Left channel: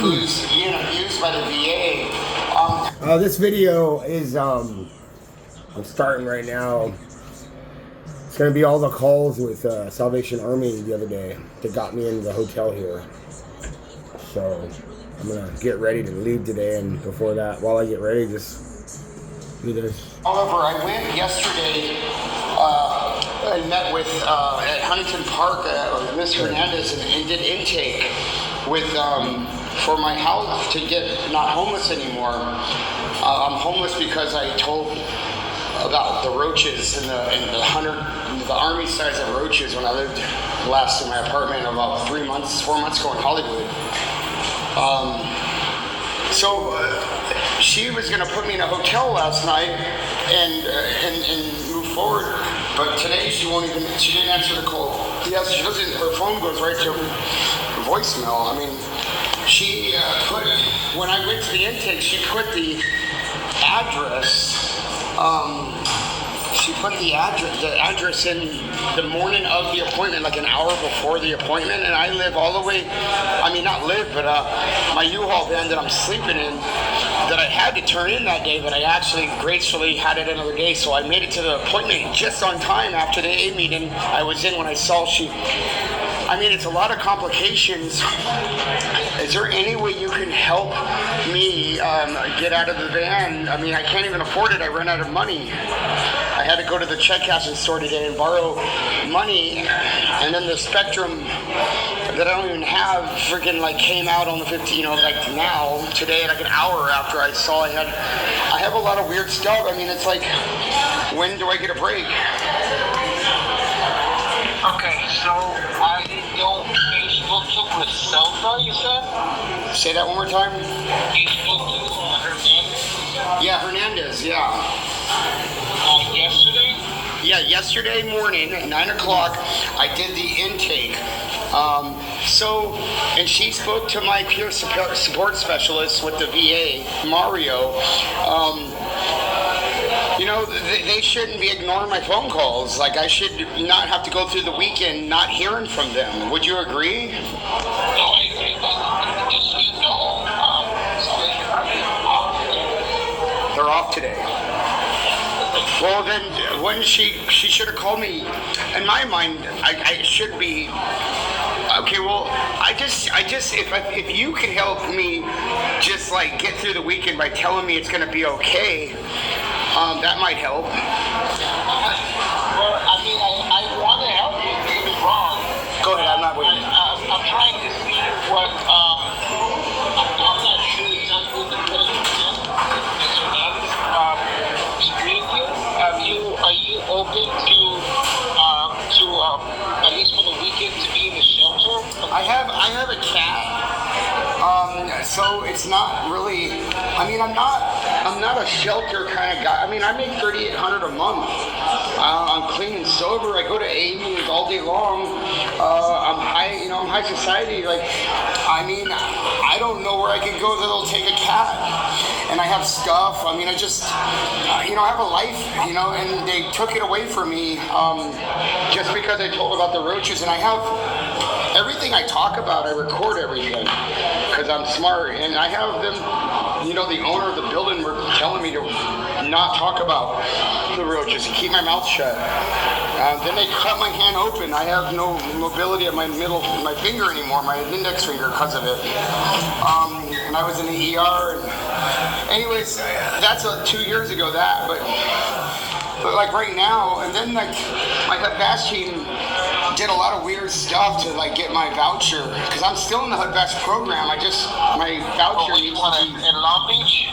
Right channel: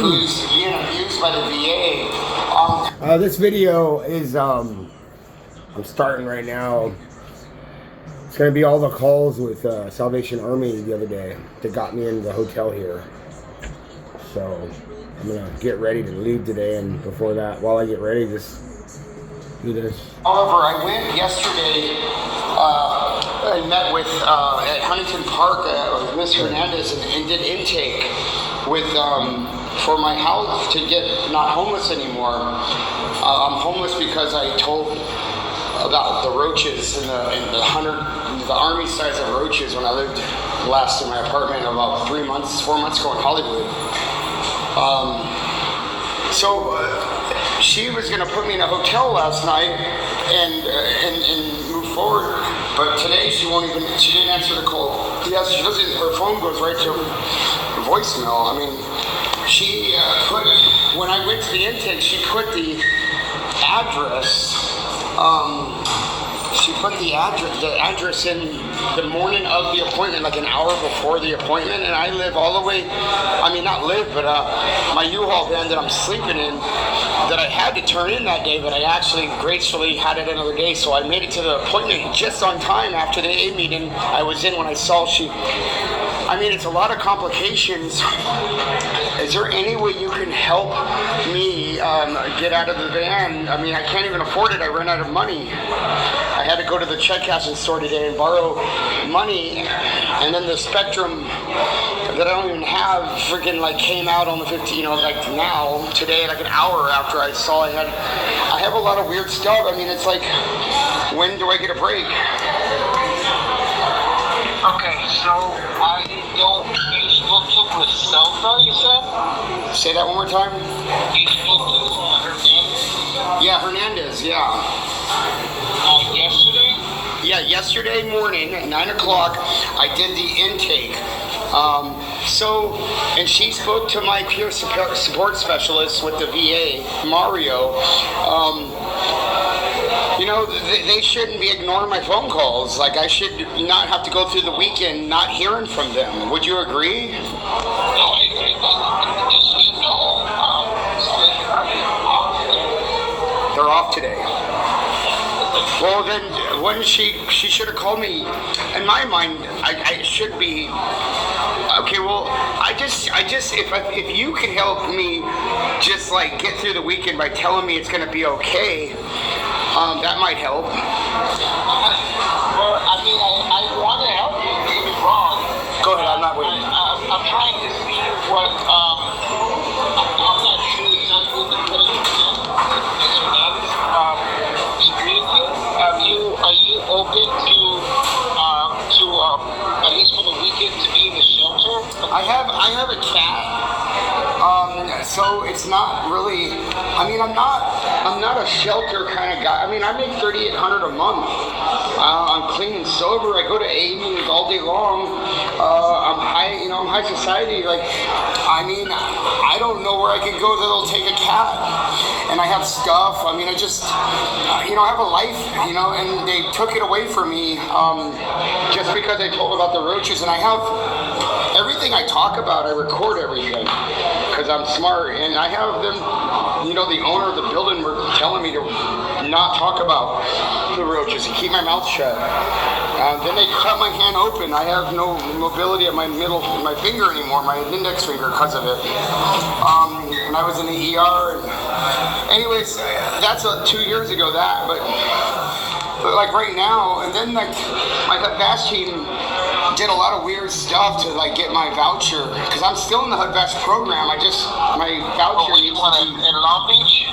who's being abused by the VA. This video is, I'm starting right now. It's going to be all the calls with Salvation Army the other day that got me into the hotel here. So I'm going to get ready to leave today, and before that, while I get ready, just do this. However, I went yesterday and met with, at Huntington Park, Ms. Hernandez, and did intake with, for my health to get not homeless anymore. I'm homeless because I told about the roaches and the army size of roaches when I lived last in my apartment about 4 months ago in Hollywood. She was going to put me in a hotel last night and move forward, but today she didn't answer the call. Yes, she doesn't, her phone goes right to voicemail. I mean, she when I went to the intake, she put the address, address in the morning of the appointment, like an hour before the appointment, and I live all the way, my U-Haul van that I'm sleeping in, that I had to turn in that day, but I actually gracefully had it another day, so I made it to the appointment just on time after the AA meeting I was in when I saw it's a lot of complications. Is there any way you can help me get out of the van? I mean, I can't even afford it. I ran out of money. I had to go to the check cashing store today and borrow money, and then the Spectrum that I don't even have freaking came out on the 15th, now, today, an hour after I saw I have a lot of weird stuff. I mean, it's like, when do I get a break? Okay, so you spoke to Griselda, you said? Say that one more time? You spoke to Hernandez? Yeah, Hernandez, yeah. Yesterday? Yeah, yesterday morning at 9 o'clock, I did the intake. And she spoke to my peer support specialist with the VA, Mario. They shouldn't be ignoring my phone calls. I should not have to go through the weekend not hearing from them. Would you agree? No, I agree. Just so you know, they're off today. Well, then, when she should have called me. In my mind, I should be. Okay, well, I just, if you can help me, just get through the weekend by telling me it's gonna be okay, that might help. Well, I want to help you. Don't get me wrong. Go ahead. I'm not waiting. I'm trying to see what. I'm not sure exactly what the president Are you open to at least for the weekend to be in the shelter? I have a cat. So it's not really. I'm not a shelter kind of guy. I make $3,800 a month. I'm clean and sober. I go to AA meetings all day long. I'm high. I'm high society. I don't know where I could go that'll take a cat. And I have stuff. I have a life. And they took it away from me just because I told about the roaches. And I have everything I talk about. I record everything because I'm smart. And I have them. The owner of the building were telling me to not talk about the roaches and keep my mouth shut. Then they cut my hand open. I have no mobility of my finger anymore, my index finger, because of it. And I was in the ER. And anyways, that's 2 years ago. But right now, and then my HUD-VASH team did a lot of weird stuff to get my voucher, because I'm still in the HUD-VASH program. My voucher needs to be in Long Beach.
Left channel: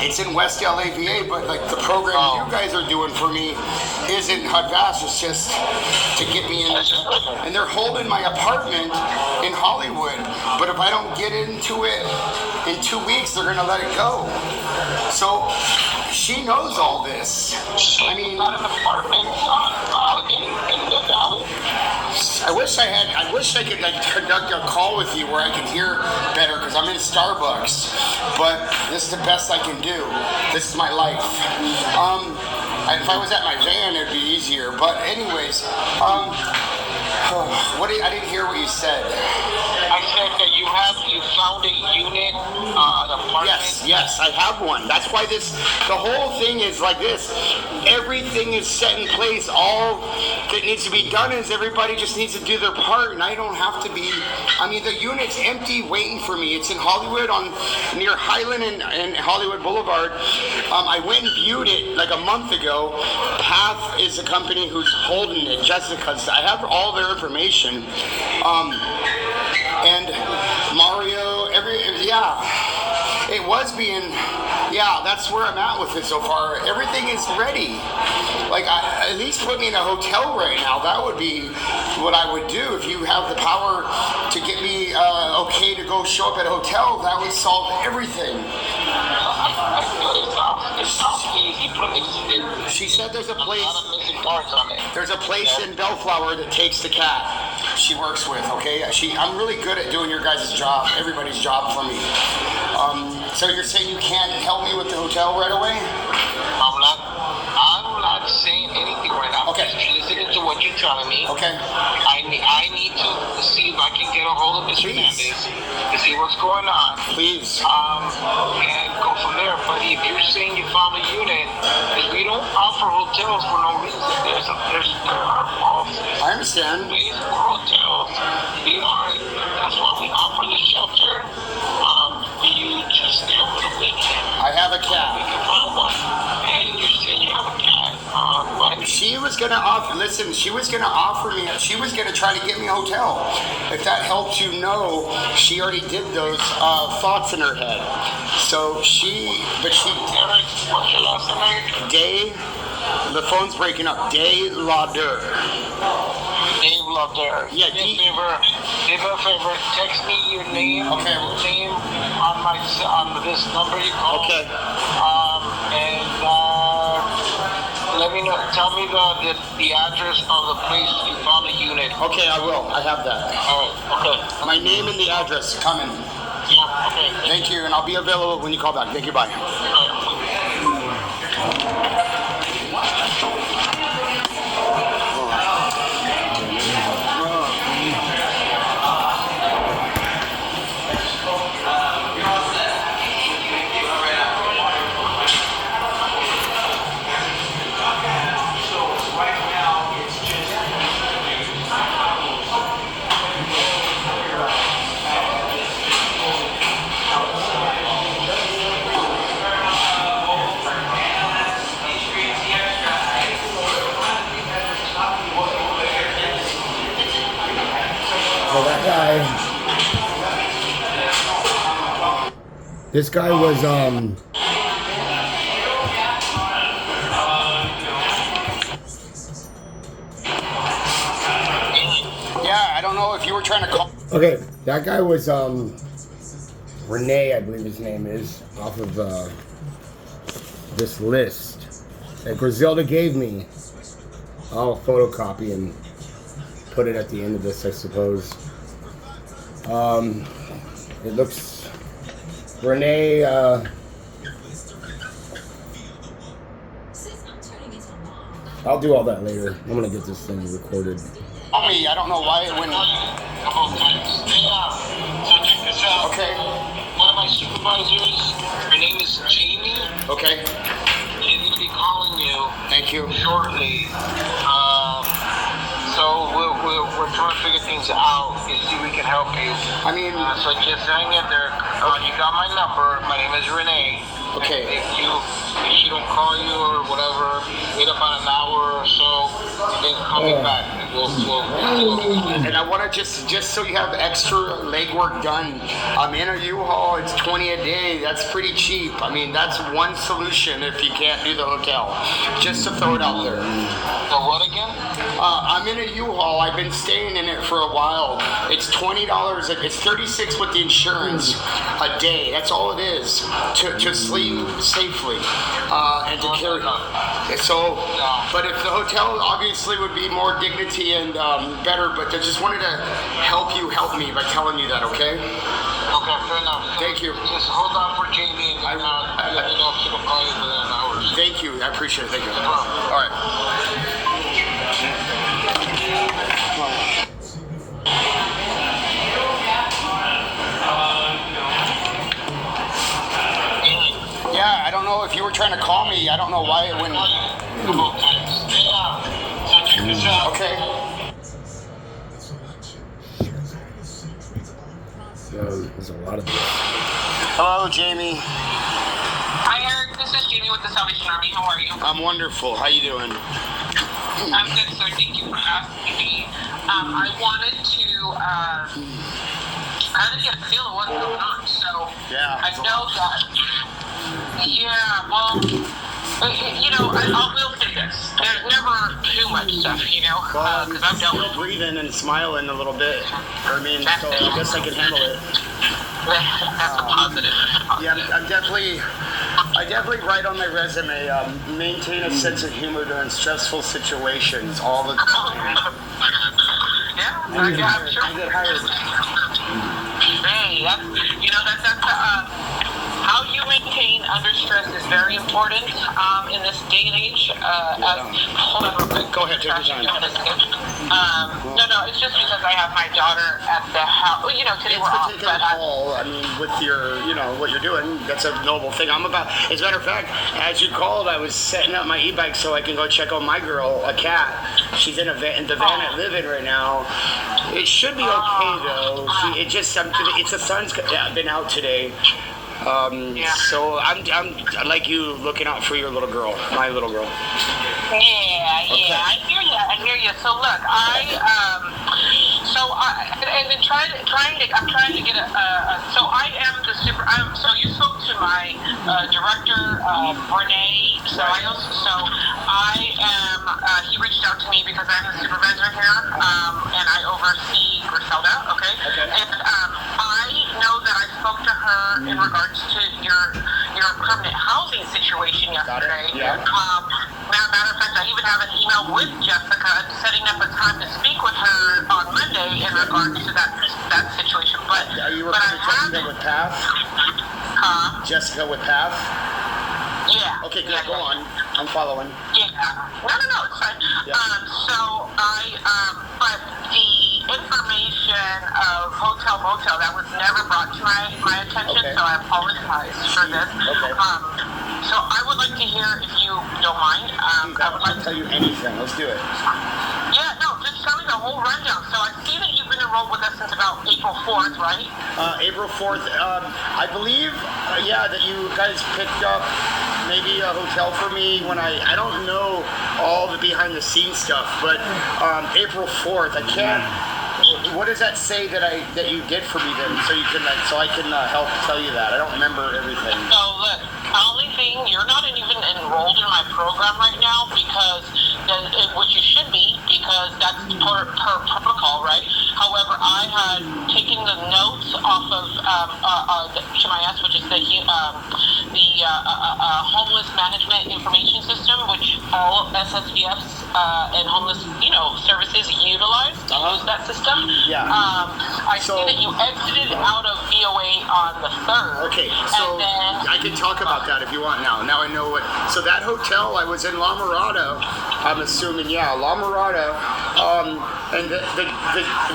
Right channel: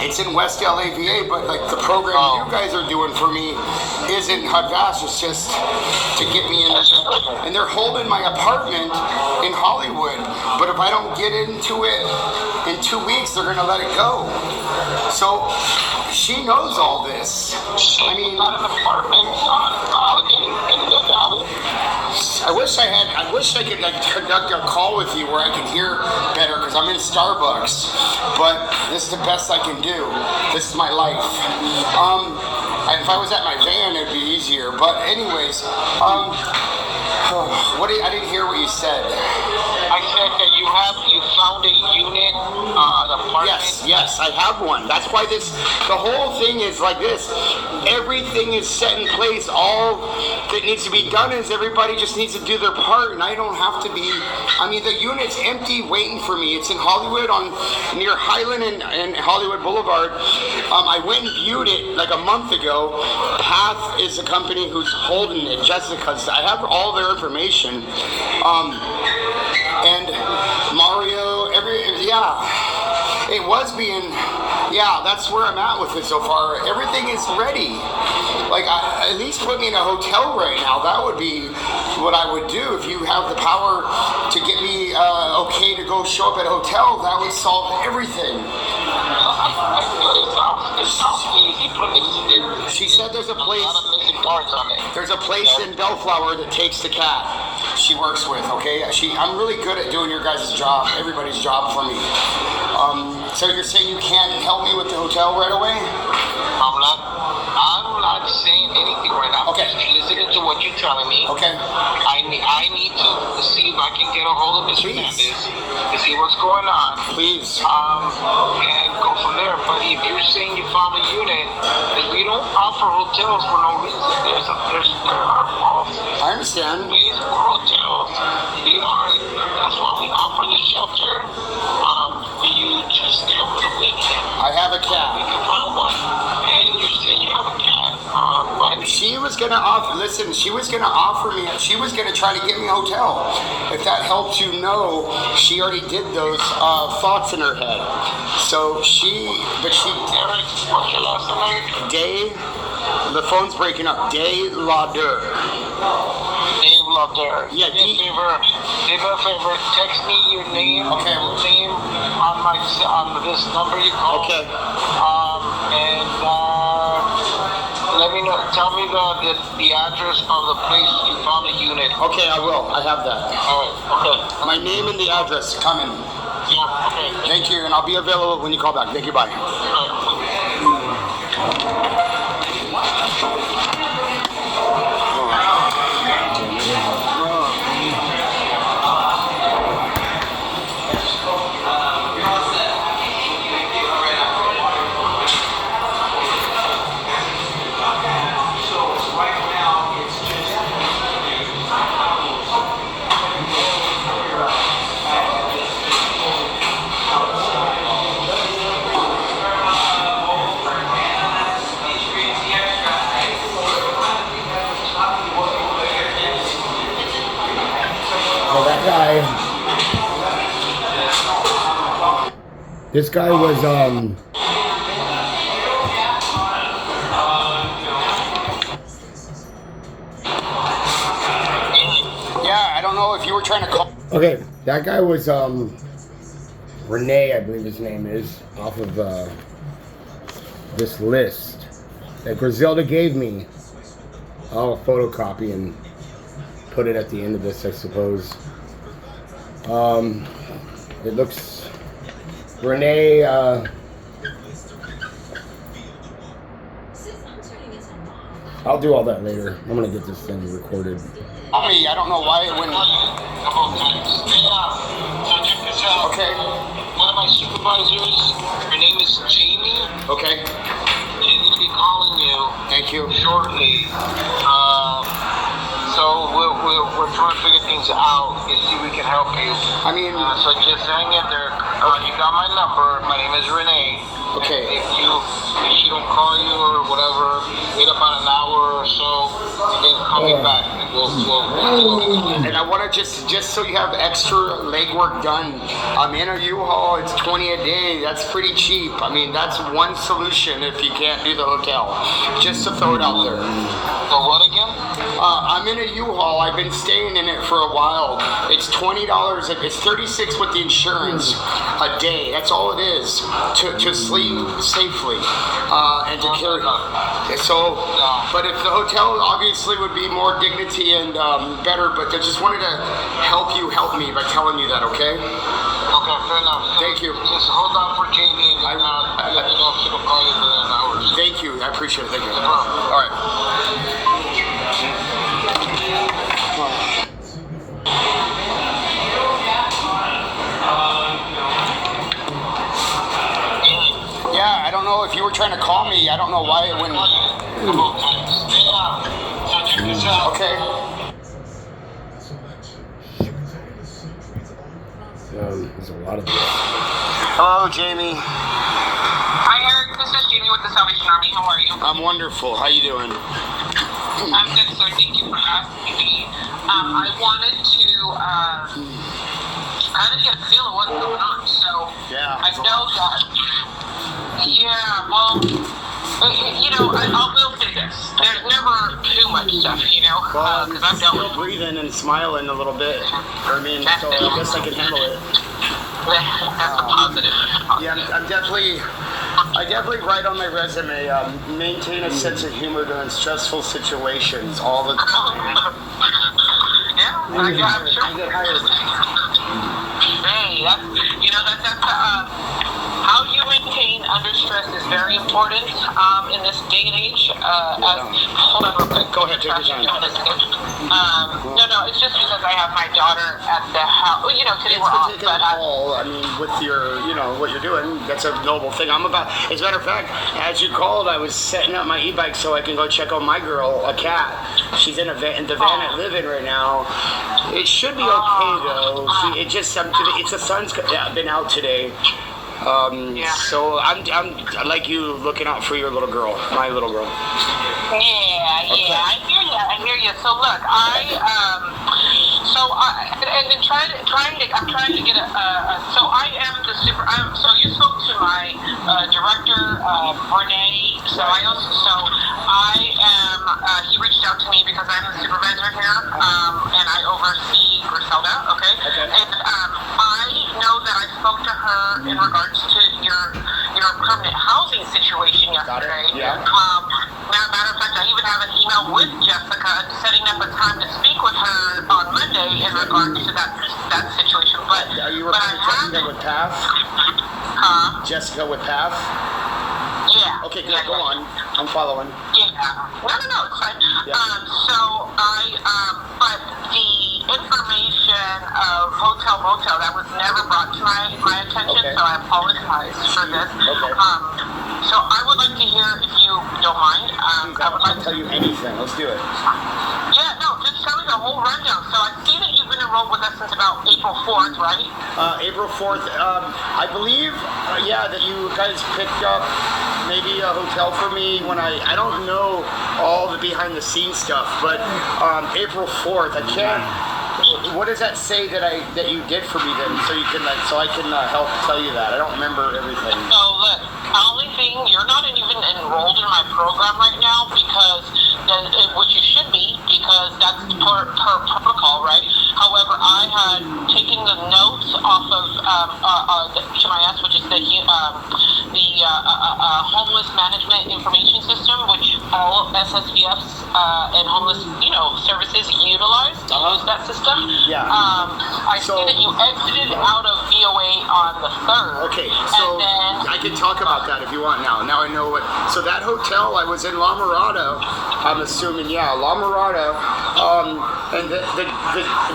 It's in West LA VA, but the program you guys are doing for me isn't HUD-VASH. It's just to get me in. And they're holding my apartment in Hollywood. But if I don't get into it in 2 weeks, they're gonna let it go. So she knows all this. Not an apartment. I wish I could conduct a call with you where I could hear better, because I'm in Starbucks. But this is the best I can do. This is my life. If I was at my van, it'd be easier. But anyways, I didn't hear what you said. I said that you found a unit, an apartment. Yes, I have one. That's why the whole thing is like this. Everything is set in place. All that needs to be done is everybody just needs to do their part, and I don't have to be. I mean, the unit's empty, waiting for me. It's in Hollywood, near Highland and Hollywood Boulevard. I went and viewed it like a month ago. Path is the company who's holding it. Jessica's. I have all their information. And Mario, it was being, that's where I'm at with it so far. Everything is ready. Like, at least put me in a hotel right now. That would be what I would do. If you have the power to get me okay to go show up at a hotel, that would solve everything. It sounds easy, but She said there's a place. a lot of missing parts on it. There's a place in Bellflower that takes the cat she works with, okay? I'm really good at doing your guys' job, everybody's job for me. So you're saying you can't help me with the hotel right away? I'm not saying anything right now. Okay. I'm just listening to what you're telling me. Okay. I need to see if I can get a hold of Mr. Please. Hernandez to see what's going on. Please. And go from there. But if you're saying you found a unit, then we don't offer hotels for no reason. There are false I understand. ways for hotels. That's why we offer the shelter. For you to stay over the weekend. I have a We cat. can find one. And you said you have a cat. But She was gonna offer me, she was gonna try to get me a hotel. If that helps you know, she already did those thoughts in her head. So Derek, what's your last name? the phone's breaking up. Day Lauder. Dave Lauder. Yeah, Do me a favor, text me your name. Okay. Your name on this number you called. Okay. Let me know. Tell me the address of the place you found the unit. Okay, I will. I have that. All right. Okay. My name and the address coming. Yeah. Okay. Thank you, and I'll be available when you call back. Thank you. Bye. So that guy, this guy was Yeah, I don't know if you were trying to call. okay. That guy was Renee, I believe his name is, off of this list that Griselda gave me. I'll photocopy and put it at the end of this, I suppose. It looks Renee. I'll do all that later. I'm gonna get this thing recorded. I don't know why it went. Okay. One of my supervisors, her name is Jamie. Okay. She's going to be calling you Thank you. shortly. So we're trying to figure things out and see if we can help you. I mean, So just hang in there. You got my number. My name is Renee. Okay. If she don't call you or whatever, wait about an hour or so, and then call me back. And and I want to just so you have extra legwork done. I'm in a U-Haul. It's $20 a day. That's pretty cheap. I mean, that's one solution if you can't do the hotel. Just to throw it out there. So what again? I'm in a U-Haul. I've been staying in it for a while. It's $20. It's $36 with the insurance a day. That's all it is to sleep safely and to carry. So, but if the hotel obviously would be more dignity and better, but I just wanted to help me by telling you that. Okay. Okay, fair enough. Thank you. Just hold on for Jamie and let me know if she will call you within an hour. Thank you. I appreciate it. Thank you. No problem. All right. don't know if you were trying to call me. I don't know why it wouldn't. Okay. There's a lot of this. Hello, Jamie. Hi, Eric. This is Jamie with the Salvation Army. How are you? I'm wonderful. How you doing? I'm good, sir. Thank you for asking me. I wanted to kind of get a feel of what's going on. So Yeah. I know that. Yeah. Well, you know, I will say this. There's never too much stuff, you know, because I've dealt with. breathing and smiling a little bit. I mean, so I guess I can handle it. That's a positive. Yeah, I definitely write on my resume, maintain a sense of humor during stressful situations all the time. Yeah, I I'm sure. get hired. Hey, that's how you maintain under stress is very important in this day and age. Hold on real quick. Go ahead, take your time. No, it's just because I have my daughter at the house. You know, today we're off, Taking but a call, I mean, with your, what you're doing, that's a noble thing. As a matter of fact, as you called, I was setting up my e-bike so I can go check on my girl, a cat. She's in the van I live in right now. It should be okay though. It's the sun's been out today. So I'm like you looking out for your little girl, my little girl. Yeah, Okay. I hear you. So look, I'm trying to get so I am the so you spoke to my director, Renee, he reached out to me because I'm the supervisor here, and I oversee Griselda, okay? And I know that I spoke to her in regards to your permanent housing situation yesterday. Yeah. Matter of fact, I even have an email with Jessica setting up a time to speak with her on Monday in regards to that situation. But Are you but referring to Jessica with PATH? Jessica with PATH? Yeah. Okay, good. Go on. I'm following. Yeah. No, it's fine. Yeah. But the information of hotel motel that was never brought to my attention, Okay. so I apologize for this. Okay. So I would like to hear, if you don't mind, I would like I'll to. tell you anything. Let's do it. Yeah, no, just tell me the whole rundown. So I see that you've been enrolled with us since about April 4th, right? April 4th. I believe, that you guys picked up maybe a hotel for me when I don't know all the behind the scenes stuff, but April 4th. I can't. What does that say that you did for me then? So I can help tell you that. I don't remember everything. So look, the only thing, you're not even enrolled in my program right now because, which you should be, because that's per protocol, right? However, I had taken the notes off of the HMIS, which is the Homeless Management Information System, which all SSVFs and homeless, services utilize to use that system. Yeah. I see that you exited out of VOA on the 3rd. Okay, so and then, I can talk about that if you want now. Now I know what. So that hotel, I was in La Mirada. I'm assuming, La Mirada, and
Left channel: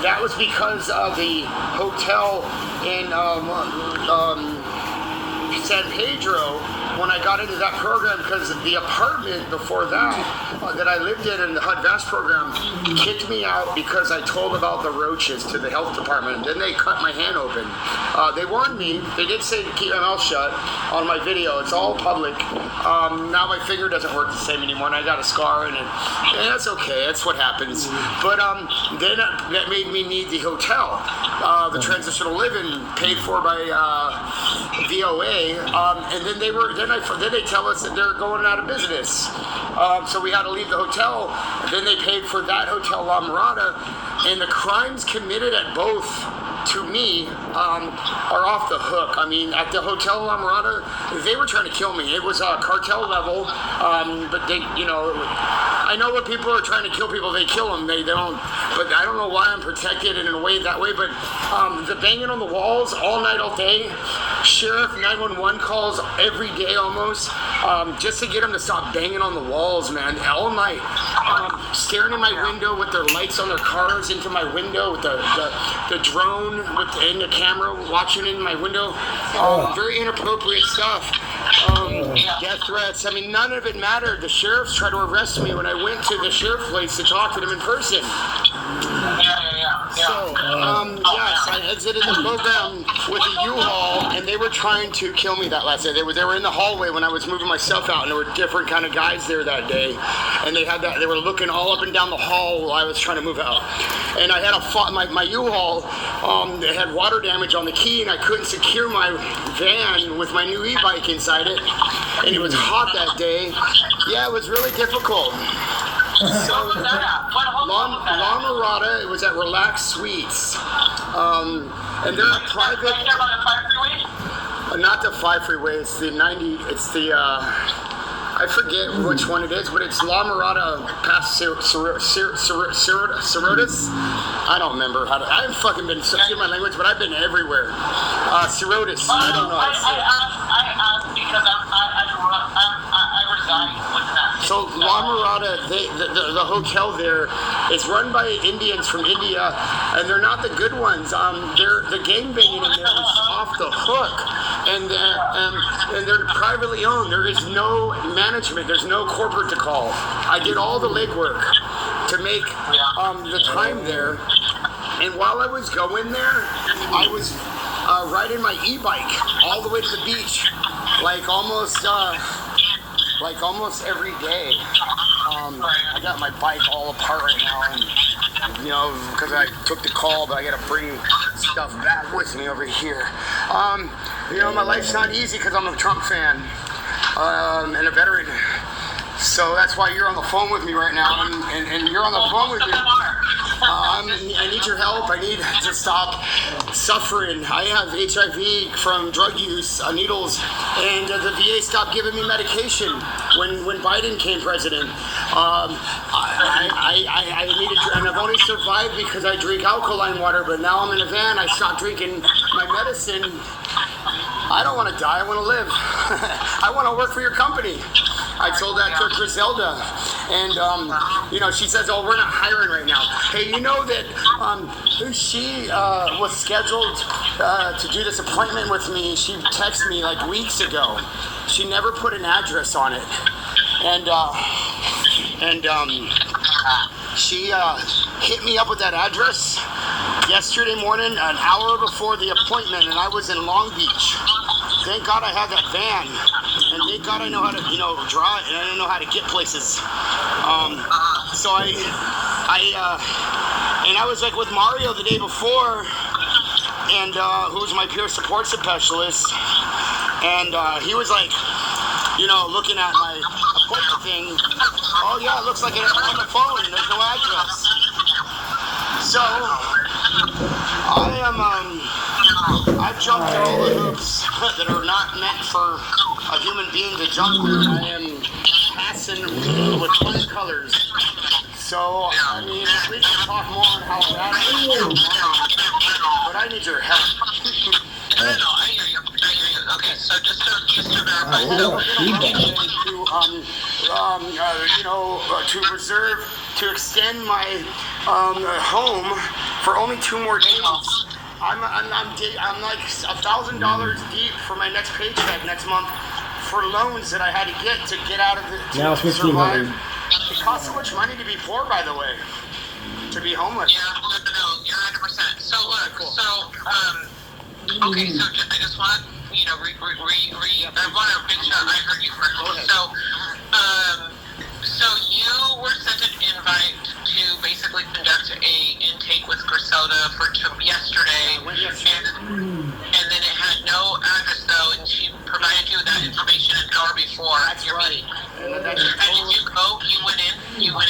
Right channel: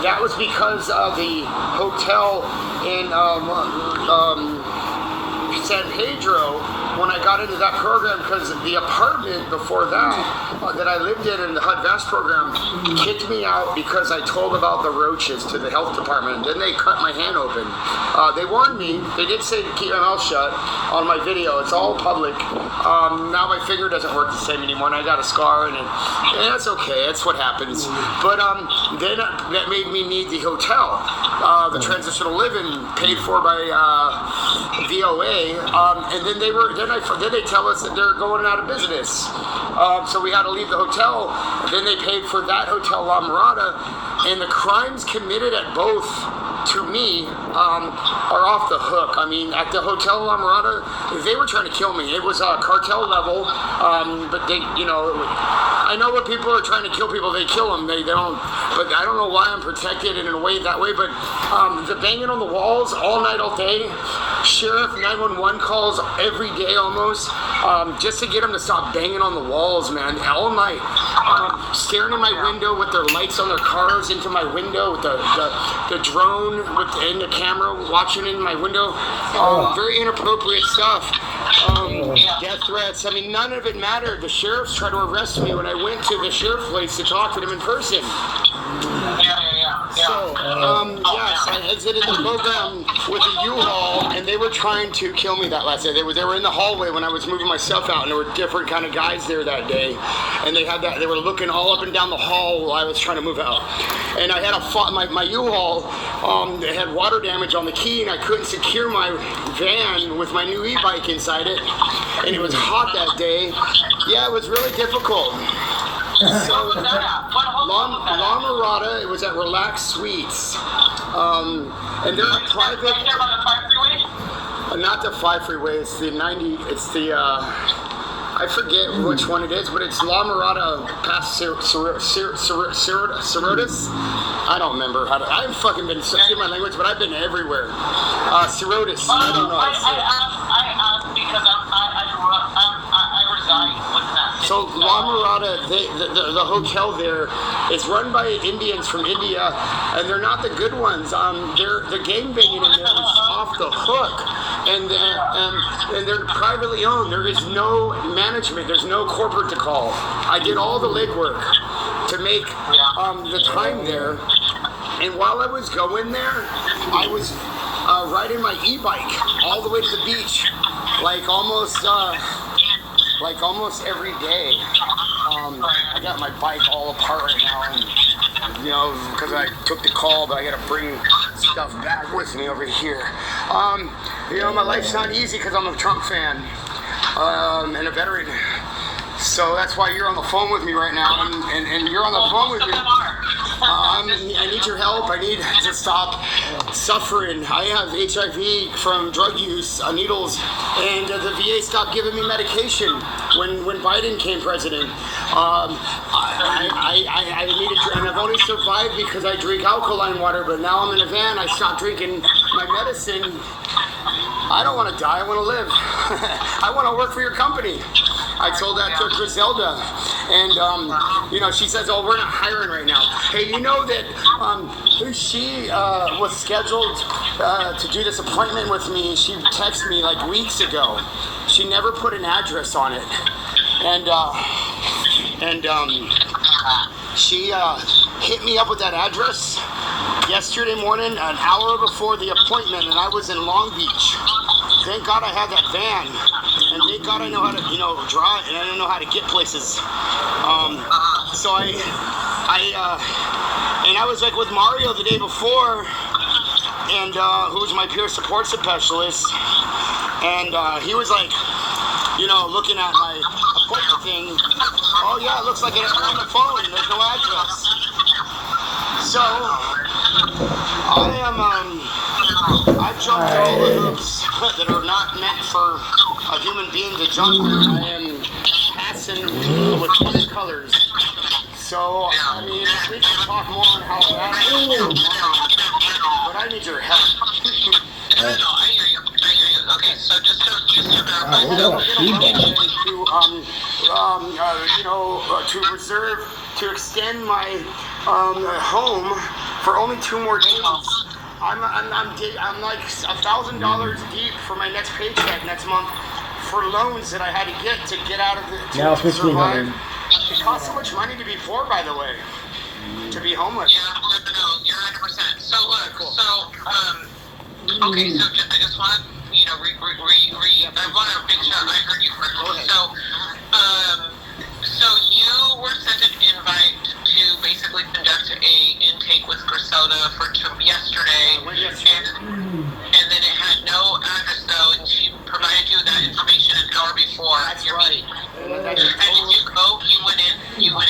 that was because of the hotel in San Pedro. When I got into that program, because the apartment before that I lived in the HUD VAST program, kicked me out because I told about the roaches to the health department. Then they cut my hand open. They warned me. They did say to keep my mouth shut on my video. It's all public. Now my finger doesn't work the same anymore, and I got a scar, and that's okay. That's what happens. But then that made me need the hotel, the transitional living paid for by VOA, and then they tell us that they're going out of business. So we had to leave the hotel. Then they paid for that hotel, La Mirada, and the crimes committed at both, to me, are off the hook. I mean, at the hotel La Mirada, they were trying to kill me. It was cartel level, but they, I know when people are trying to kill people, they kill them. They don't. But I don't know why I'm protected in a way that way. But the banging on the walls all night, all day. sheriff 911 calls every day almost, just to get them to stop banging on the walls, man, all night. Staring in my window with their lights on their cars into my window with the drone and the camera watching in my window. Very inappropriate stuff. Death threats. I mean, none of it mattered. The sheriffs tried to arrest me when I went to the sheriff place to talk to them in person. So, yes, I exited the program with a U-Haul, and they were trying to kill me that last day. They were in the hallway when I was moving my stuff out, and there were different kind of guys there that day, and they were looking all up and down the hall while I was trying to move out. And I had my U-Haul, it had water damage on the key, and I couldn't secure my van with my new e-bike inside it, and it was hot that day. Yeah, it was really difficult. So, La Mirada, it was at Relax Suites. And they're a private... Right there by the 5 freeway? Not the 5 freeway, it's the 90, it's the, I forget which one it is, but it's La Mirada past Cerritos. I don't remember how to, I haven't fucking been, excuse my language, but I've been everywhere. Cerritos, I don't know. I asked because I reside within that city. So La Mirada, the hotel there is run by Indians from India, and they're not the good ones. The gangbanging in there is off the hook, and they're privately owned. There is no management. There's no corporate to call. I did all the legwork to make the time there, and while I was going there, I was riding my e-bike all the way to the beach, like almost every day. I got my bike all apart right now, and because I took the call, but I got to bring stuff back with me over here. My life's not easy because I'm a Trump fan and a veteran. So that's why you're on the phone with me right now, and you're on the phone with me. I need your help. I need to stop suffering. I have HIV from drug use, needles, and the VA stopped giving me medication when Biden came president. I needed, and I've only survived because I drink alkaline water, but now I'm in a van. I stopped drinking my medicine. I don't want to die. I want to live. I want to work for your company. I told that to Griselda, and she says, "Oh, we're not hiring right now." Hey, you know that she was scheduled to do this appointment with me. She texted me like weeks ago. She never put an address on it, and she hit me up with that address yesterday morning, an hour before the appointment, and I was in Long Beach. Thank God I had that van, and thank God I know how to, drive, and I don't know how to get places. So I was like with Mario the day before, and who's my peer support specialist, and he was like, looking at my appointment thing. Oh yeah, it looks like it's on the phone. There's no address. So I've jumped all the hoops that are not meant for a human being to jump through. I am passing with 20 colors. So, I mean, we can talk more on how that is, but I need your help. No, I hear you. Okay, so just to verify. To extend my home for only 2 more days. I'm like $1,000 deep for my next paycheck next month for loans that I had to get out of it to survive. It costs so much money to be poor, by the way, to be homeless. Yeah, no, you're 100%. So look, okay, so I just want to, I want to make sure I heard you correctly. So you were sent an invite to basically conduct a intake with Griselda for yesterday, and then it had no address though, and she provided you that information an hour before your meeting. And did you go? You went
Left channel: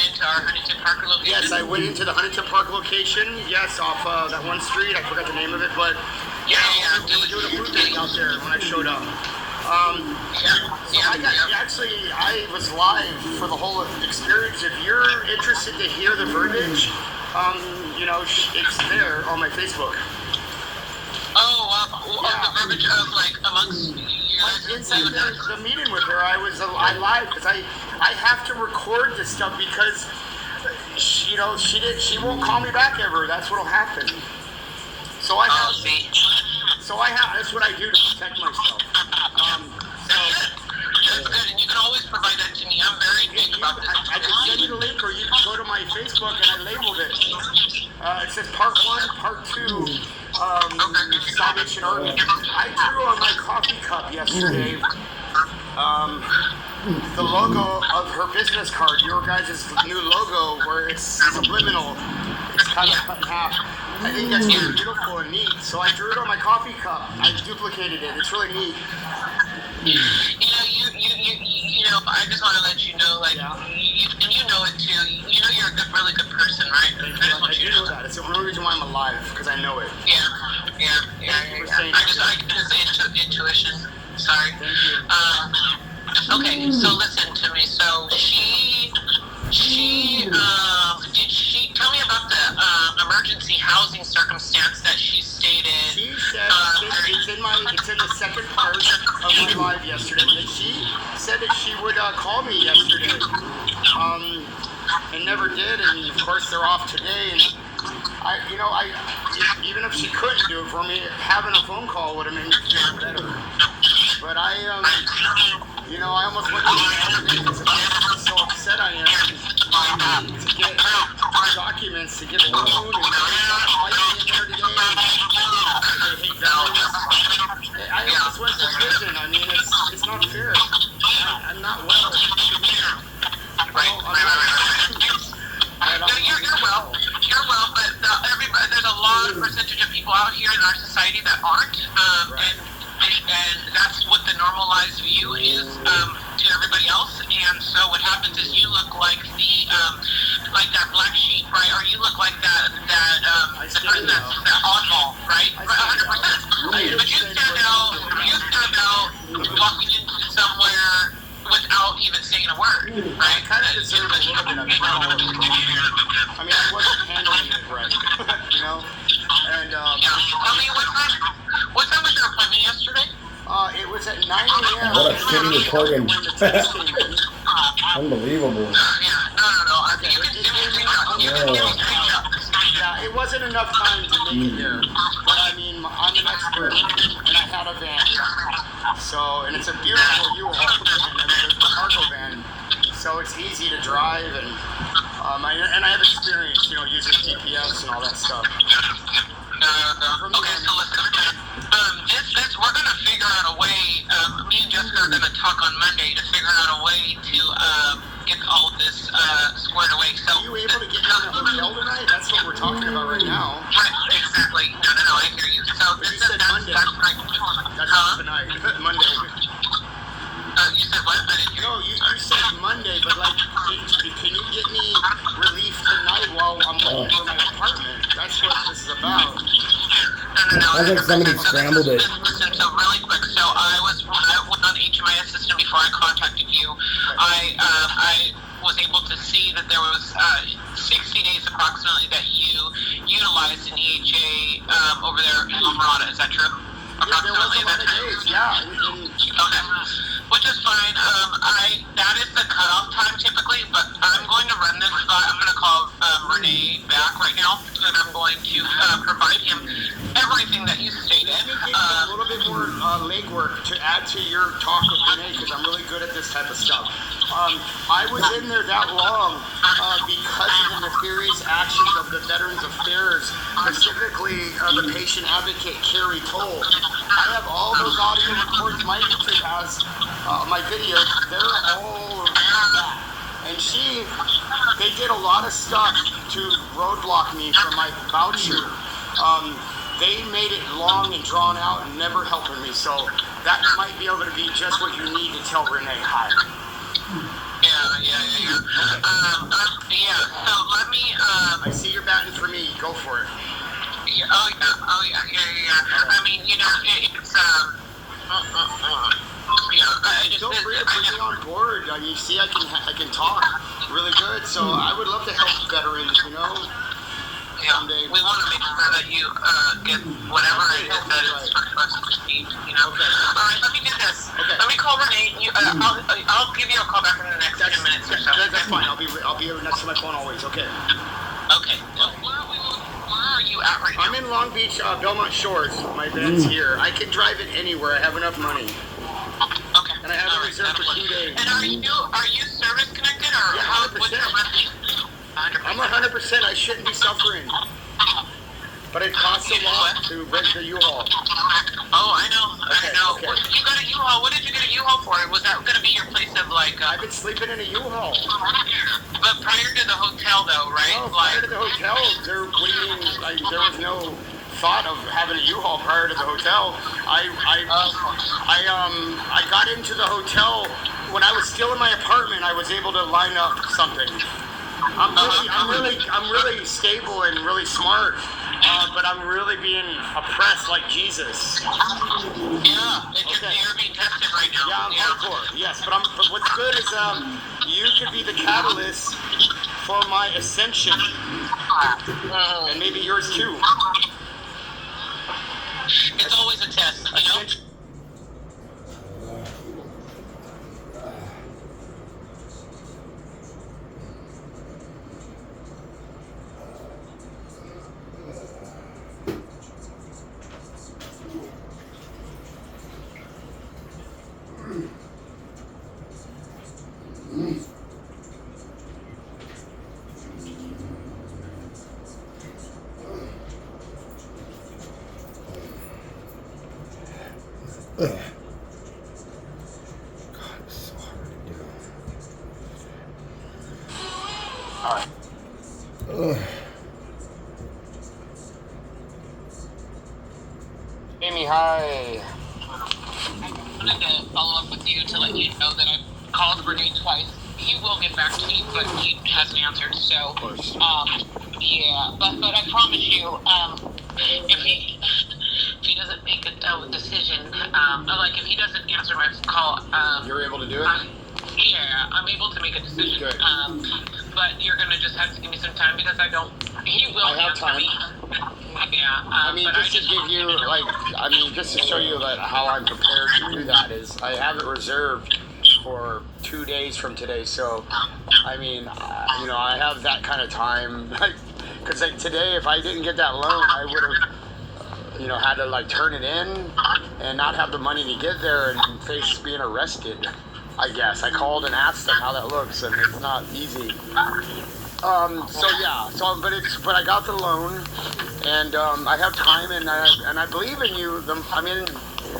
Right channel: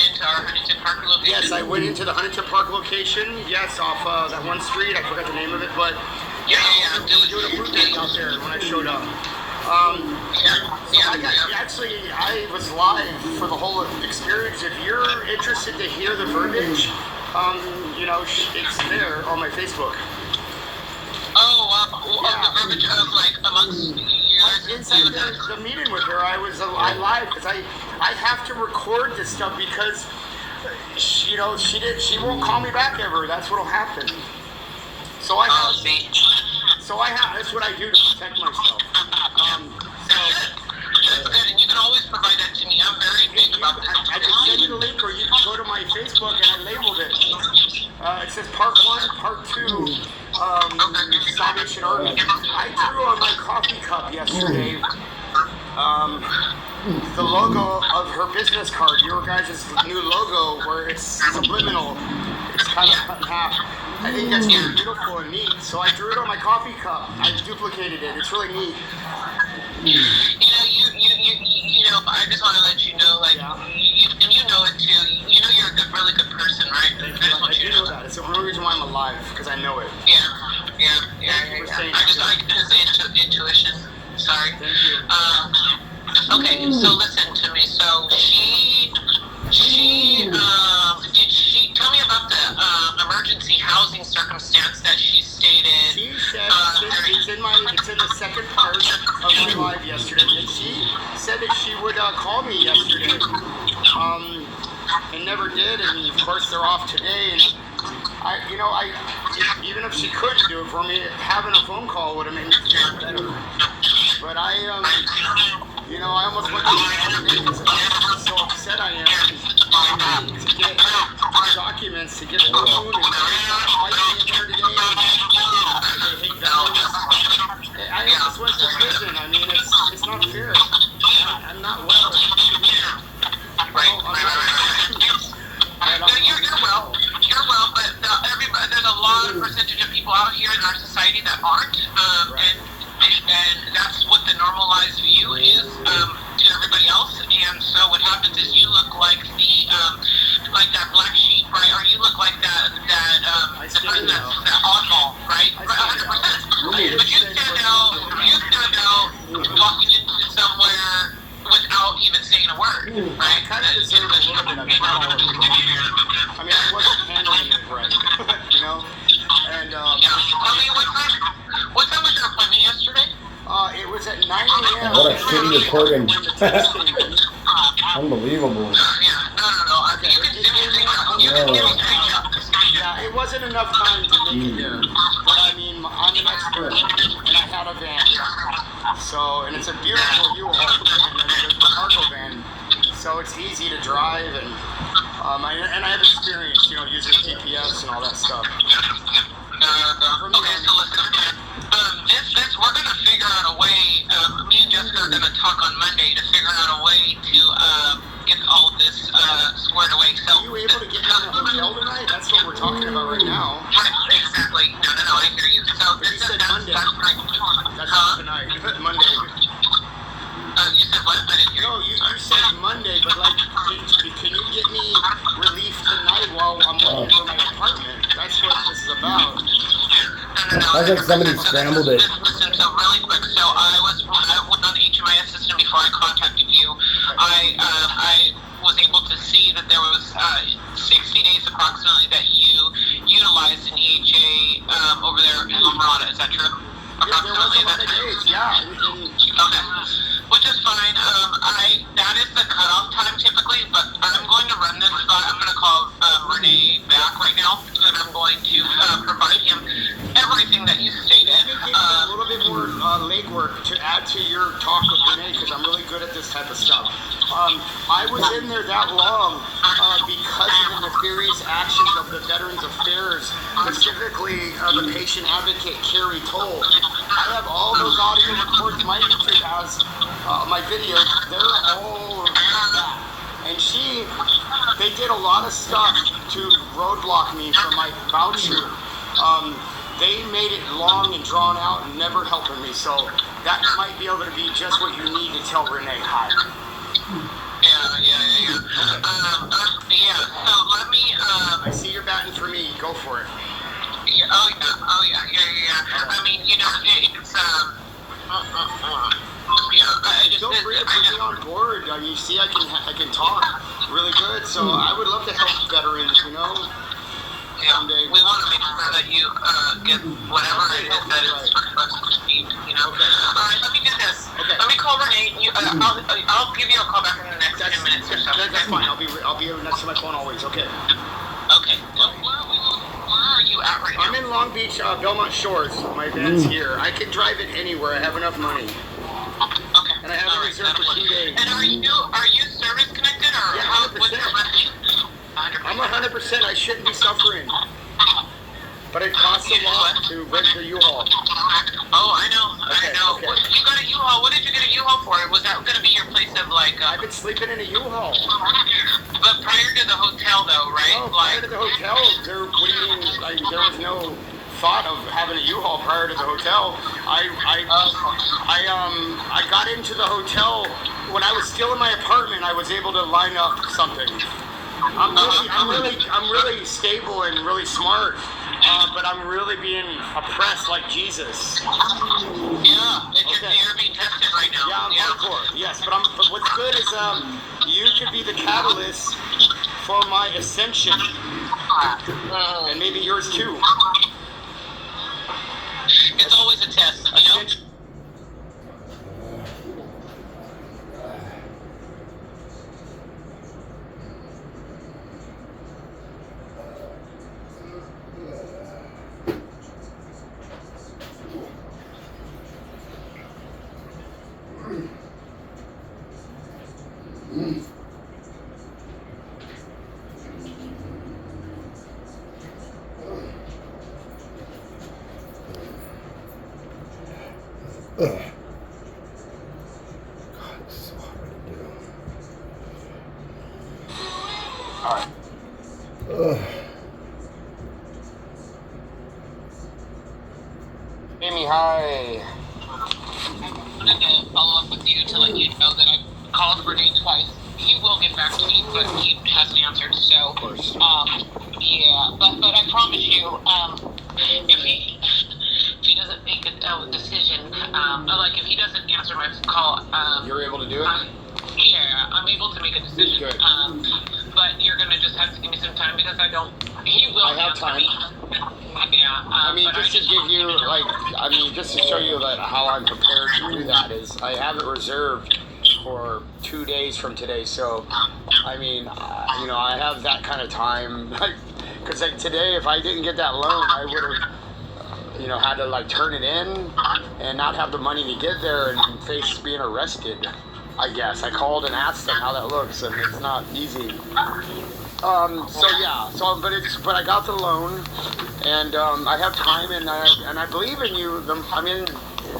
into our Huntington Park location? Yes, I went into the Huntington Park location. Yes, off that one street. I forgot the name of it, but they were doing a food thing out there when I showed up. I was live for the whole experience. If you're interested to hear the verbiage, it's there on my Facebook. Oh, the verbiage of like amongst you guys? Inside the meeting with her, I lied because I have to record this stuff because she won't call me back ever. That's what'll happen. So that's what I do to protect myself. That's good, and you can always provide that to me. I'm very big about this. I can send you the link, or you can go to my Facebook, and I labeled it. It says Part 1, Part 2, Salvation Army. I drew on my coffee cup yesterday the logo of her business card, your guys' new logo, where it's subliminal. It's kind of cut in half. I think that's really beautiful and neat. So I drew it on my coffee cup. I duplicated it. It's really neat. You know, I just want to let you know, like, and you know it too. You know you're a really good person, right? I do know that. It's the only reason why I'm alive, because I know it. Yeah. I just intuition. Sorry. Thank you. Okay, so listen to me. So she tell me about the emergency housing circumstance that she stated. She said it's in the second part of my live yesterday. And she said that she would call me yesterday, and never did. And of course they're off today. And even if she couldn't do it for me, having a phone call would have made me feel better. But I almost went to the other day because I'm so upset I am to get documents to get a loan and fighting in there today. They hate veterans. I almost went to prison. I mean, it's not fair. I'm not well. You're well, but there's a lot of percentage of people out here in our society that aren't, and that's what the normalized view is to everybody else. And so what happens is you look like like that black sheep, right? Or you look like that oddball, right? 100%. But you stand out walking into somewhere without even saying a word, right? I kind of deserve a little bit of it. I mean, I wasn't handling it right, And what time was your appointment yesterday? It was at 9 a.m. What a shitty recording. Unbelievable. No. Yeah, it wasn't enough time to make it there. But I mean, I'm an expert, and I had a van. So, and it's a beautiful U-Haul van. I mean, it's a cargo van. So it's easy to drive, and I have experience, using GPS and all that stuff. Okay, so listen. We're gonna figure out a way. Me and Jessica are gonna talk on Monday to figure out a way to get all of this squared away. So, are you able to get me in a hotel tonight? That's what we're talking about right now. Right, exactly. No, I hear you. So You said Monday. That's right. That's not tonight. Monday. You said what? I didn't hear. No, you said Monday, but can you get me relief tonight while I'm looking for my apartment? That's what this is about. No. I think somebody scrambled it. Listen, so really quick. So I went on HMIS system before I contacted you. I was able to see that there was 60 days approximately that you utilized an EHA over there in Alvarado. Is that true? Yeah, there was a lot of days. Yeah. Okay. Which is fine. That is the cutoff time typically, but I'm going to run this. I'm going to call Renee back right now, and I'm going to provide him everything that you stated. Let me give you a little bit more legwork to add to your talk with Renee, because I'm really good at this type of stuff. I was in there that long because of the nefarious actions of the Veterans Affairs, specifically the patient advocate Carrie Toll. I have all those audio recordings. My YouTube has my videos. They're all that. And they did a lot of stuff to roadblock me from my voucher. They made it long and drawn out and never helping me. So that might be able to be just what you need to tell Renee hi. Yeah. So let me. I see you're batting for me. Go for it. Yeah. Oh yeah. I mean, it's Feel free to put me on board. You see, I can talk really good. So I would love to help veterans. someday. We want to make sure that you get whatever it is that is received. You know. Okay. All right. Let me do this. Okay. Let me call Renee. I'll give you a call back in the next 10 minutes or so. That's fine. I'll be next to my phone always. Okay. Okay. Where are you at right now? I'm in Long Beach, Belmont Shores. My van's here. I can drive it anywhere. I have enough money. Okay. And I have it reserved for 2 days. And are you service connected or Yeah, 100%. what's your renting? 100%. I'm 100%. I shouldn't be suffering. But it costs a lot to rent the U-Haul. Oh, I know. Okay, I know. okay. You got a U-Haul. What did you get a U-Haul for? Was that going to be your place of like? I've been sleeping in a U-Haul. But prior to the hotel, though, right? No, prior to the hotel, what do you mean? There was no thought of having a U-Haul prior to the hotel. I got into the hotel when I was still in my apartment. I was able to line up something. I'm really stable and really smart, but I'm really being oppressed like Jesus. Yeah, you're being tested right now. Yeah, I'm hardcore. Yes, but what's good is you could be the catalyst for my ascension, and maybe yours too. It's always a test, you know. Ugh. God, it's so hard to do. All right. Ugh. Amy, hi. I wanted to follow up with you to let you know that I've called Renee twice. He will get back to me, but he hasn't answered. So, Of course. yeah. But I promise you, if he doesn't make a decision, like if he doesn't answer my call, You're able to do it? yeah, I'm able to make a decision. Good. But you're gonna just have to give me some time because I don't. He will I have answer time. me. Yeah. I mean, but just to give you, just to show you that how I'm prepared to do that is I have it reserved for 2 days from today. So, I mean, I have that kind of time. Because today, if I didn't get that loan, I would have, had to turn it in and not have the money to get there and face being arrested. I guess I called and asked them how that looks, and it's not easy. But I got the loan, and I have time, and I believe in you.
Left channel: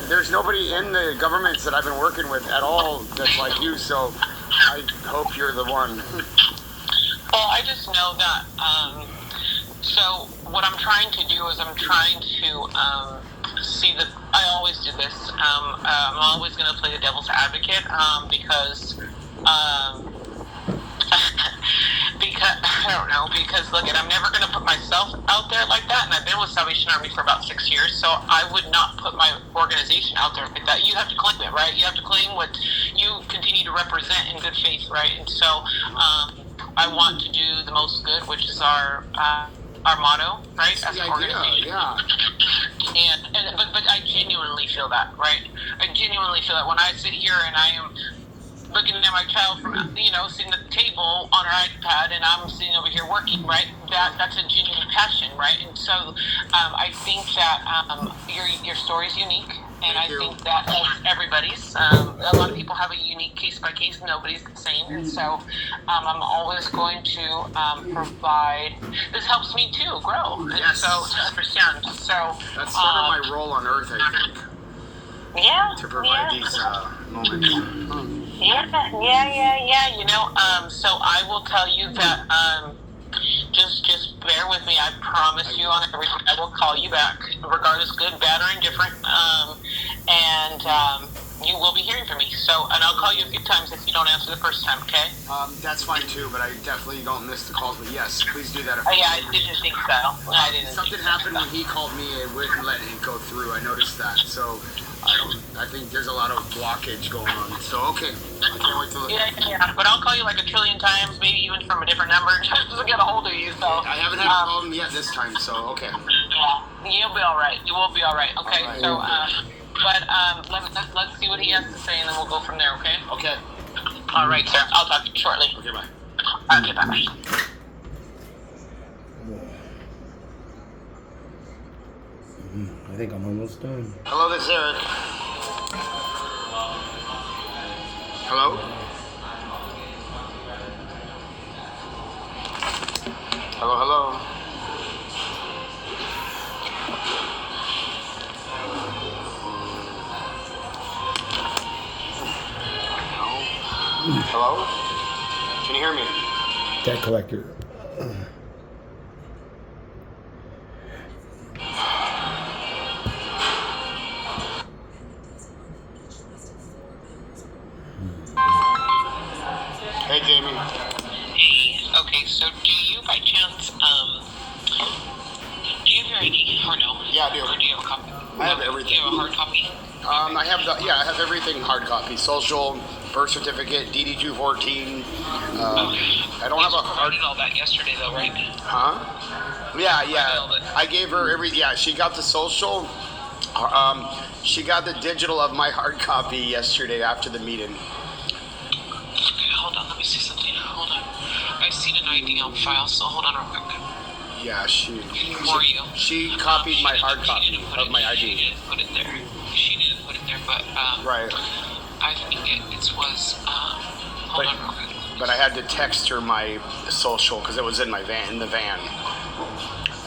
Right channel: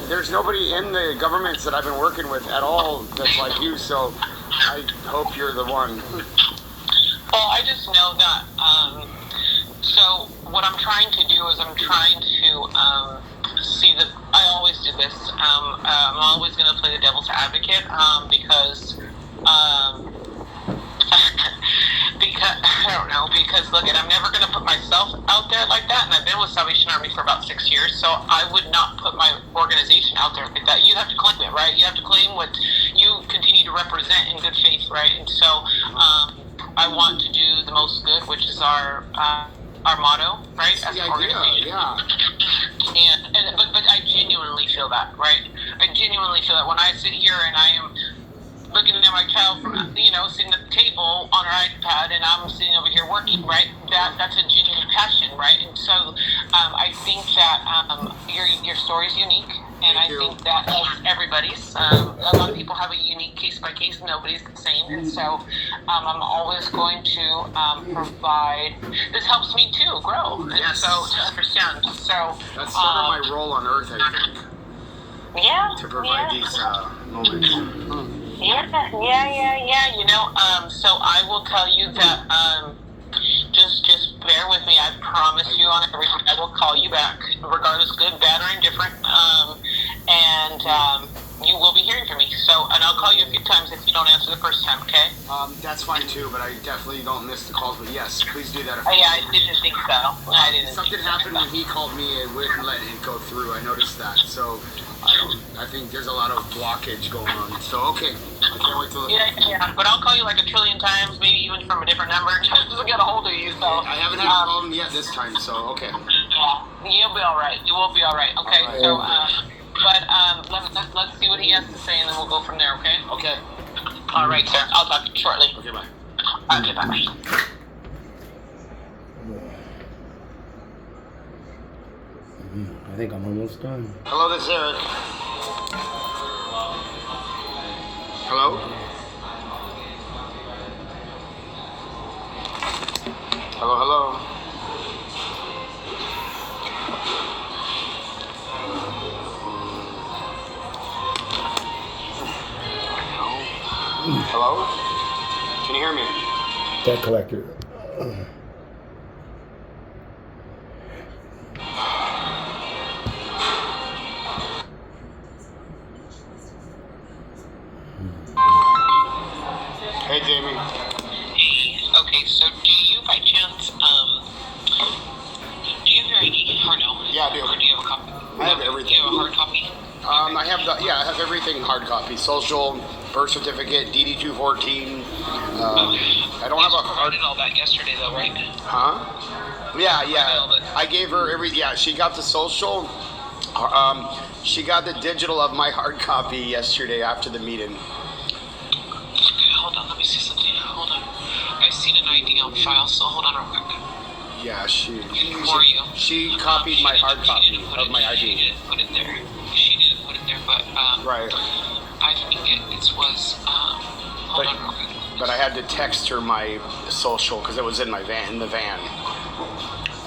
There's nobody in the governments that I've been working with at all that's like you, so I hope you're the one. Well, I just know that. So what I'm trying to do is I'm trying to see that I always do this. I'm always going to play the devil's advocate because I don't know, because look, I'm never going to put myself out there like that, and I've been with Salvation Army for about 6 years, so I would not put my organization out there like that. You have to claim it, right? You have to claim what you continue to represent in good faith, right? And so I want to do the most good, which is our motto, right? As an organization. Yeah. But I genuinely feel that, right? I genuinely feel that when I sit here and I am looking at my child from, sitting at the table on her iPad and I'm sitting over here working, right? That's a genuine passion, right? And so I think that your story is unique. And I think that everybody's, a lot of people have a unique case by case. Nobody's the same. And so I'm always going to provide. This helps me too grow. And Yes. so to understand. So That's sort of my role on Earth, I think, yeah. to provide these moments. Yeah. So I will tell you that just bear with me. I promise you on everything. I will call you back, regardless, good, bad, or indifferent. you will be hearing from me. So, and I'll call you a few times if you don't answer the first time, okay? That's fine too, but I definitely don't miss the calls. But yes, please do that. Oh, yeah, I didn't think so. I didn't. Something happened when he called me. It wouldn't let it go through. I noticed that. So I think there's a lot of blockage going on. So okay, I can't wait to look. Yeah. But I'll call you like a trillion times, maybe even from a different number, just to get a hold of you. So I haven't had a problem yet this time. So okay. Yeah, you'll be all right. You will be all right. Okay. All right. So, let's see what he has to say, and then we'll go from there. Okay. Okay. All right, sir. I'll talk to you shortly. Okay. Bye. Okay. Bye. I think I'm almost done. Hello, this is Eric. Hello? Hello? Hello? Can you hear me? Debt collector. Hey, Jamie. Hey. Okay. So, do you by chance do you have your ID or no? Yeah, I do. Or do you have a copy? I have everything. Do you have a hard copy? I have everything hard copy. Social, birth certificate, DD-214. I don't have a hard. Provided all that yesterday, though, right? Huh? Yeah. I gave her she got the social. She got the digital of my hard copy yesterday after the meeting. Okay, hold on. Let me see something. Hold on. I've seen an ID on file, so hold on real quick. Yeah, For you. she copied my hard copy of my ID. She didn't put it there. But Right. I think it was. Hold on real quick. But I had to text her my social because it was in my van,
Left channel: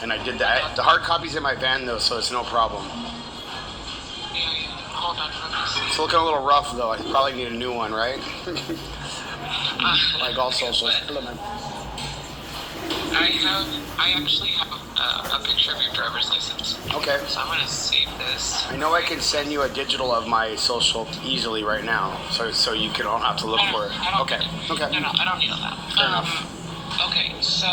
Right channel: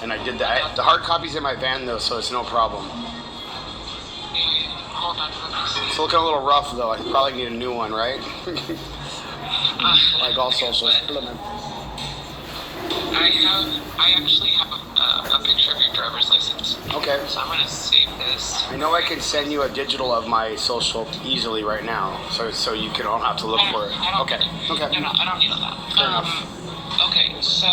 and I did that. The hard copy's in my van though, so it's no problem. Yeah. Hold on. Let me It's looking a little rough though. I probably need a new one, right? see. Like all socials. Hello, man. I actually have a picture of your driver's license. Okay. So I'm gonna save this. I know I can send you a digital of my social easily right now, so you don't have to look for it. Okay. Okay. No, I don't need all that. Fair enough. Okay, so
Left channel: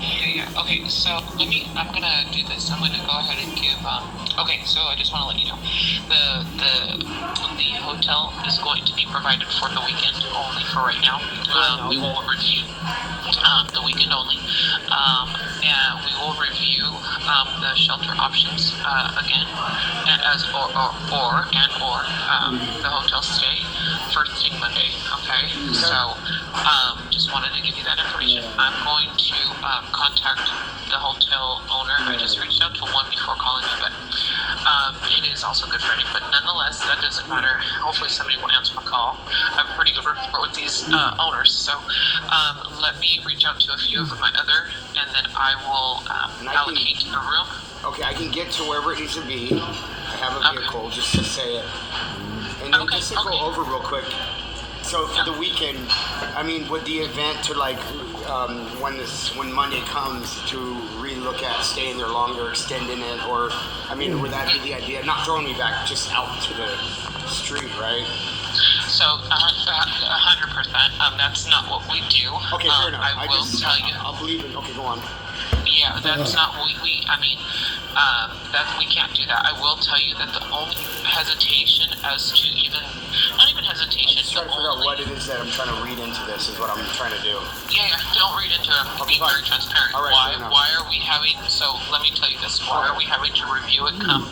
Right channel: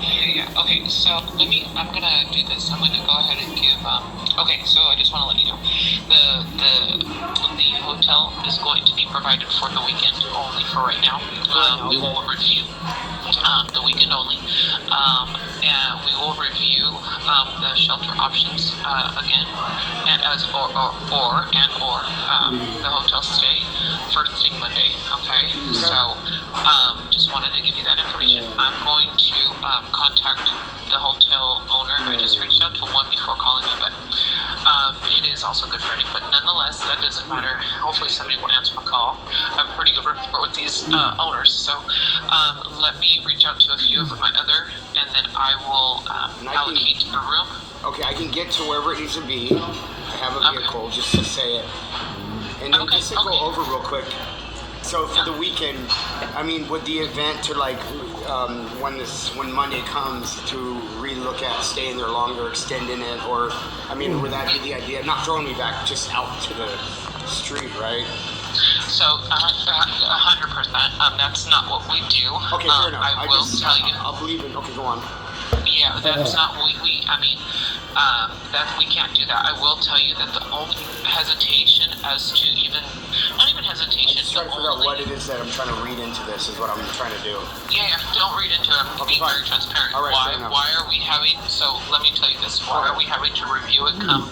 yeah. Okay, so I'm gonna do this. I'm gonna go ahead and give. Okay, so I just want to let you know, the hotel is going to be provided for the weekend only for right now. We will review the weekend only, and we will review the shelter options again, and the hotel stay first thing Monday. Okay, so just wanted to give you that information. I'm going to contact the hotel owner. I just reached out to one before calling you, but it is also Good Friday. But nonetheless, that doesn't matter. Hopefully somebody will answer my call. I have a pretty good rapport with these owners. So let me reach out to a few of my other, and then I will allocate a room. Okay, I can get to wherever it needs to be. I have a vehicle, just to say it. And then just to go over real quick. So for the weekend, I mean, would the event to like when Monday comes to relook at staying there longer, extending it, or I mean, would that be the idea? Not throwing me back just out to the street, right? So 100%. That's not what we do. Okay, fair enough. I will tell you. I'll believe it. Okay, go on. Yeah, that's not what we. I mean, that we can't do that. I will tell you that the only hesitation as to not even hesitation. I'm just trying to figure out what it is that I'm trying to read into this. Is what I'm trying to do. Yeah, don't read into it. I'm being very transparent. All right, why are we having? So let me tell you this. Why are we having to review it come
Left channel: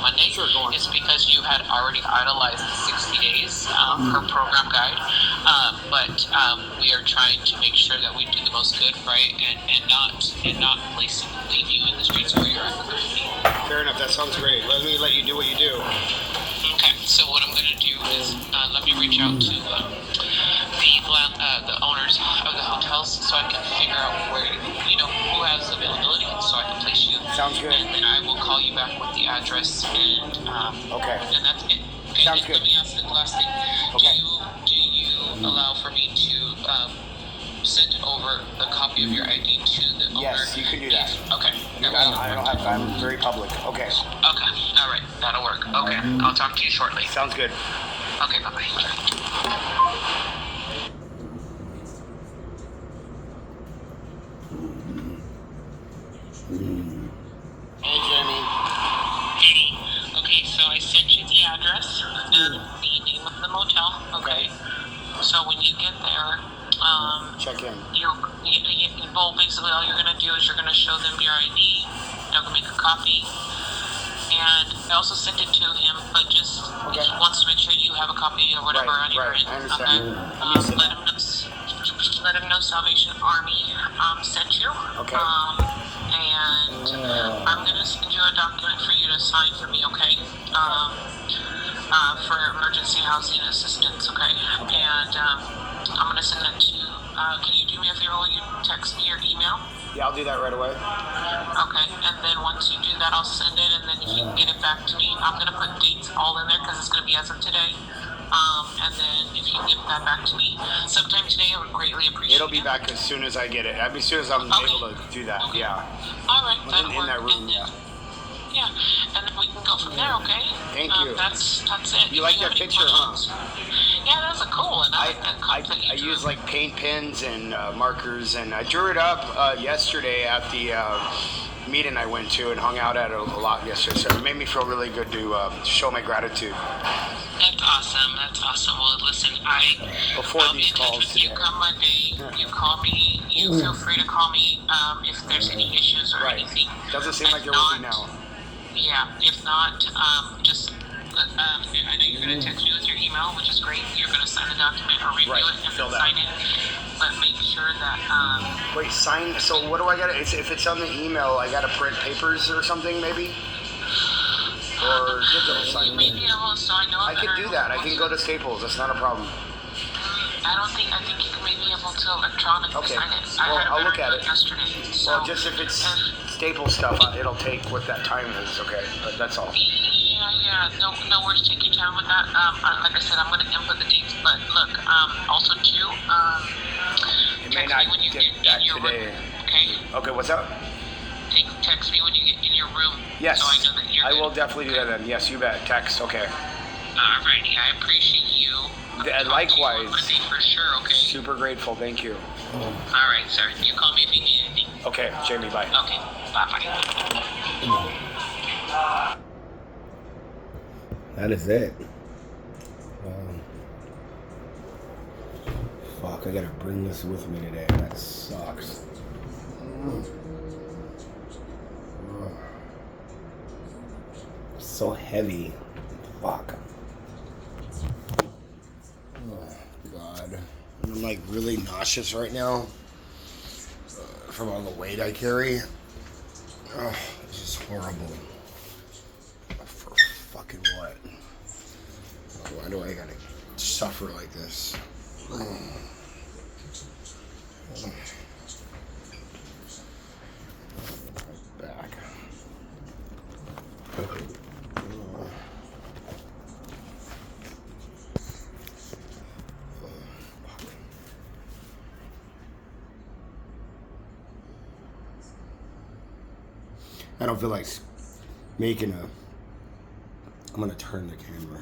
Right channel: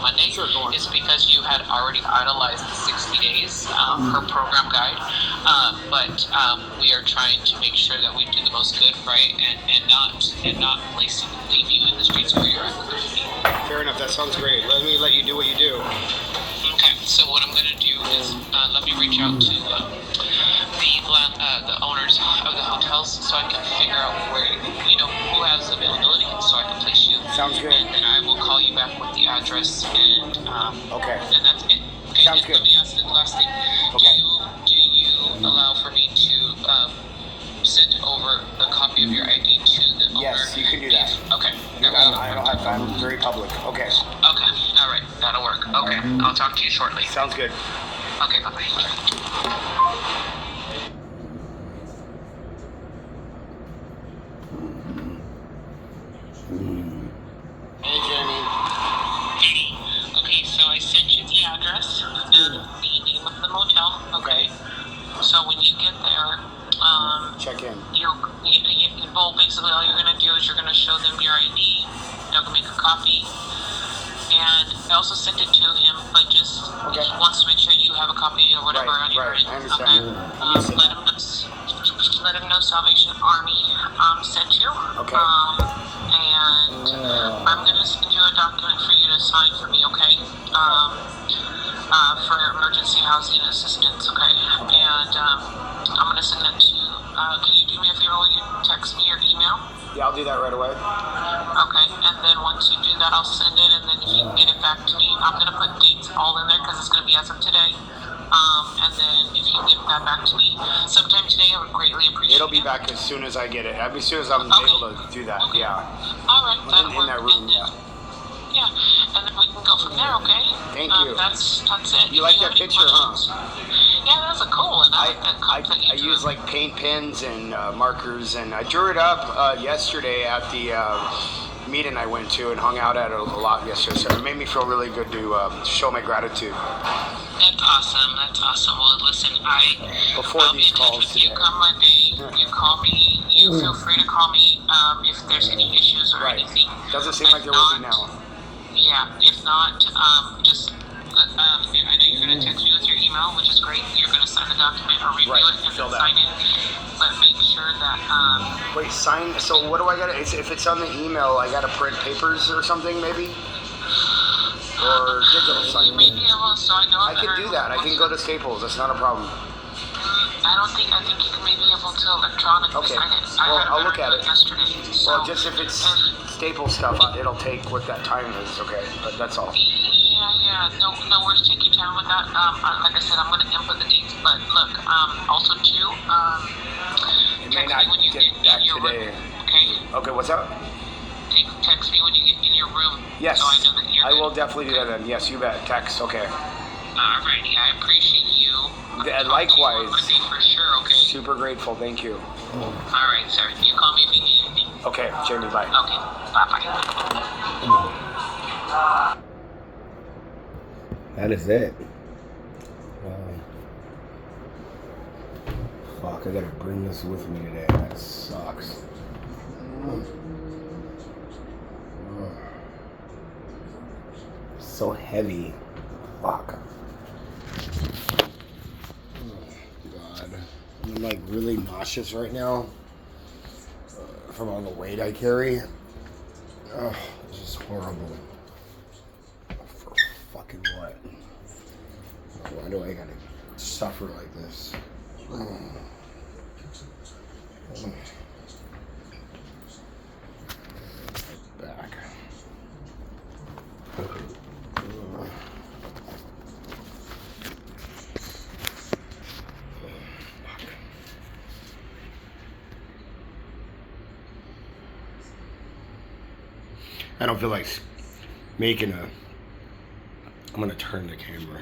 Monday? Sure, go on. It's because you had already idolized the 60 days per program guide. But we are trying to make sure that we do the most good, right, and not leave you in the streets where you're at. Fair enough. That sounds great. Let you do what you do. Okay. So what I'm going to do is let me reach out to the owners of the hotels so I can figure out where who has availability, so I can place you. Sounds good. And then I will call you back with the address and okay. And that's it. Okay. Sounds good. Let me ask the last thing. Okay. Do you allow for me to send over a copy of your ID to the owner? Yes, you can do that. Okay. I don't have time. I'm very public. Okay. Okay. All right. That'll work. Okay, I'll talk to you shortly. Sounds good. Okay, bye-bye. Hey, Jamie. Okay, so I sent you the address, the name of the motel. Okay. So when you get there, Check in. well, basically all you're gonna do is you're gonna show them your ID. They'll make a copy, and I also sent it to him, but just Okay. he wants to make sure you have a copy or whatever Right, on your right. end. I understand. Okay. Let him know Salvation Army sent you. Okay. And I'm gonna send you a document for you to sign for me, okay? For emergency housing assistance, okay? And I'm gonna send that to you. Can you do me a favor? Will you text me your email? Yeah, I'll do that right away. Okay, and then once you do that, I'll send it, and then if you can get it back to me, I'm gonna put dates all in there because it's gonna be as of today. And then if you get that back to me sometime today, I would greatly appreciate it. It'll be back as soon as I get it. I mean, as soon as I'm able to do that. Okay. Yeah. All right, In that room, yeah. Yeah, and then we can go from there, okay? Thank you. That's it. You If like have that any picture, huh? questions- Yeah, that was a cool one. I like that concept you I drew. use like paint pens and markers, and I drew it up yesterday at the meeting I went to and hung out at a lot yesterday. So it made me feel really good to show my gratitude. That's awesome. That's awesome. Well, listen, Before I'll be these in touch calls with you today. come Monday. You call me. You feel free to call me if there's any issues or Right. anything. Doesn't seem If like there will be not- now. Yeah. If not, just. I know you're going to text me with your email, which is great. You're going to sign the document or review Right, it and fill then that. sign it. But make sure that Wait, sign. So what do I got? If it's on the email, I got to print papers or something, maybe, or digital you sign. may be able. So I know I can do that. I can go to Staples. That's not a problem. I think you may be able to electronically Okay. sign it. Well, I had a I'll look better at look it. yesterday. So Well, just if it's Staples stuff, it'll take what that time is. Okay, but that's all. Yeah. No worries. Take your time with that. Like I said, I'm going to input the dates. But look, also too, It may text not me when you get get back in your today. room. Okay. Okay, what's up? Text me when you get in your room. Yes, So I know that you're I good. will definitely do that then. Yes, you bet. Text. Okay. Alrighty, I appreciate you. I'll talk to you on Likewise. Monday for sure. Okay. Super grateful. Thank you. All right, sir. You call me if you need anything. Okay, Jamie. Bye. Okay. Bye. That is it. Fuck, I gotta bring this with me today. That sucks. It's so heavy. Fuck. Oh, God. I'm like really nauseous right now from all the weight I carry. Oh, this is horrible. For fucking what? Why do I gotta suffer like this? Back. I don't feel like making a. I'm gonna turn the camera.